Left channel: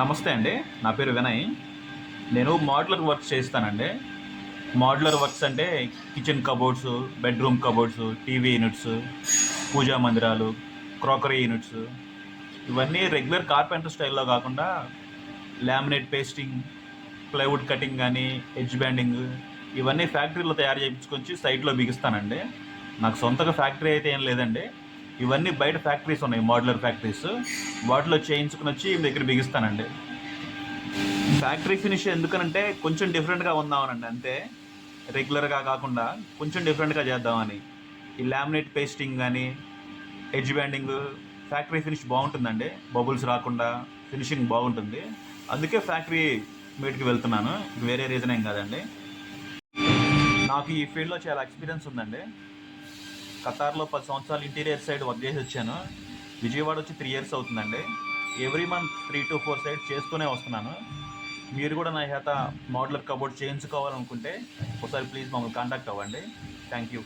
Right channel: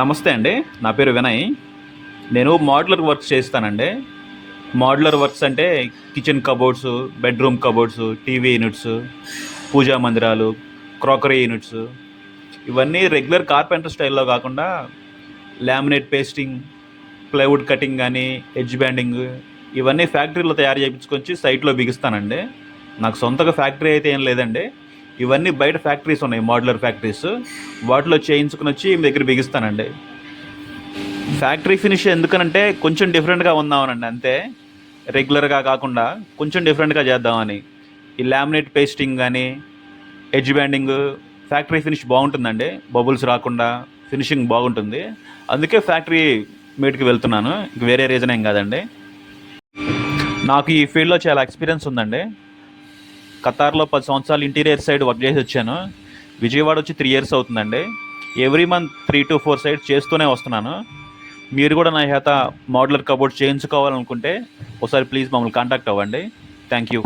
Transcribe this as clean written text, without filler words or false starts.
నమస్తే అండి. నా పేరు వినయ్. నేను మోడ్యులర్ వర్క్స్ చేస్తానండి. మోడ్యులర్ వర్క్స్ అంటే kitchen cupboards, bedroom cupboards, TV units, puja మందిరాలు, క్రాకరీ యూనిట్స్ ఇవన్నీ రెగ్యులర్ కార్పెంటర్ స్టైల్‌లో కాకుండా లామినేట్ పేస్టింగ్, ప్లైవుడ్ కటింగ్ గానీ, ఎడ్జ్ బ్యాండింగ్ ఇవన్నీ ఫ్యాక్టరీలో తయారు చేపించుకొచ్చి సైట్‌లో బిగిస్తానండి. నాకు సొంతగా ఫ్యాక్టరీ అయితే ఏం లేదండి. ఇవన్నీ బయట ఫ్యాక్టరీస్ ఉన్నాయి, మోడ్యులర్ ఫ్యాక్టరీస్. వాటిలో చేయించుకొనొచ్చి మీ దగ్గర బిగిస్తానండి. ఫ్యాక్టరీ ఫినిష్ ఎందుకనంటే కొంచెం డిఫరెంట్‌గా ఉందామనండి అంతే. రెగ్యులర్‌గా కాకుండా కొంచెం డిఫరెంట్‌గా చేద్దామని. ఈ లామినేట్ పేస్టింగ్ గానీ, ఎడ్జ్ బ్యాండింగ్ ఫ్యాక్టరీ ఫినిష్ బాగుంటుందండి. బబుల్స్ రాకుండా ఫినిషింగ్ బాగుంటుంది. అందుకే ఫ్యాక్టరీ మీట్‌కి వెళ్తున్నాను. ఇంక వేరే రీజన్ ఏం కాదండి. నాకు ఈ ఫీల్డ్‌లో చాలా ఎక్స్‌పీరియన్స్ ఉందండి. ఖతార్‌లో 10 సంవత్సరాలు ఇంటీరియర్ సైడ్ వర్క్ చేసి వచ్చాను. విజయవాడ వచ్చి 3 ఇయర్స్ అవుతుందండి. ఎవ్రీ మంత్ 3-4 సైట్స్ చేస్తూనే వస్తున్నాను. మీరు కూడా నా చేత మోడ్యులర్ కబోర్డ్ చేయించుకోవాలనుకుంటే ఒకసారి ప్లీజ్ మమ్మల్ని కాంటాక్ట్ అవ్వండి. Thank you.